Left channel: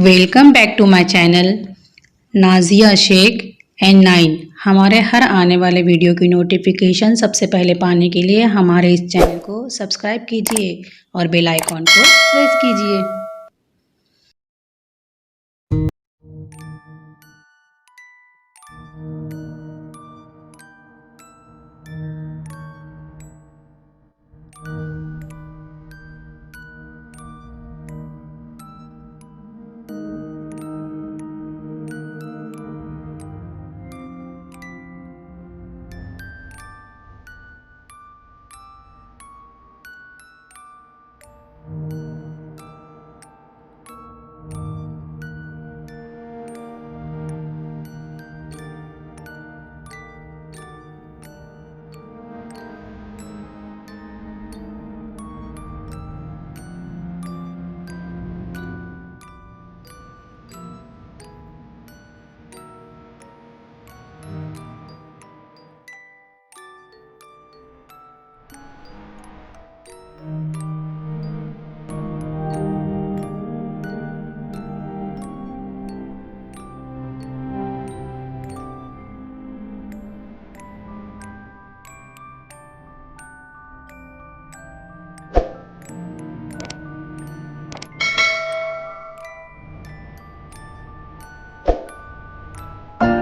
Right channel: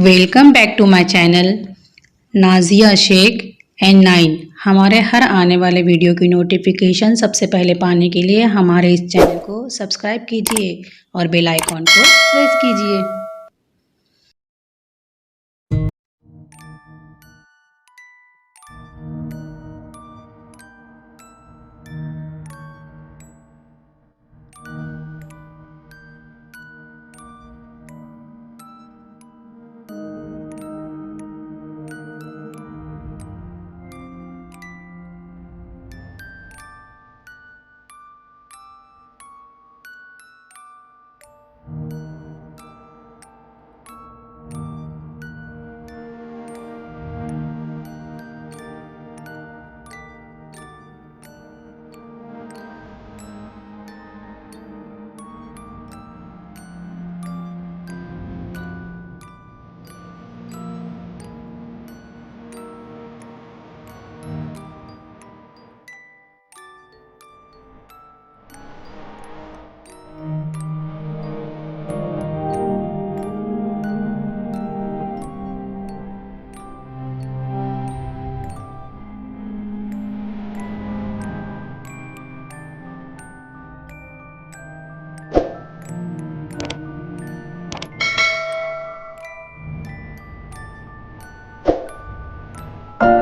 Welcome back to my channel Nazia Sheikh and 9। हमारे हर आने वाले वीडियो की नोटिफिकेशन सबसे पहले पाने के लिए हमारे इस चैनल को सब्सक्राइब कीजिए और बेल आइकॉन को प्रेस कीजिए।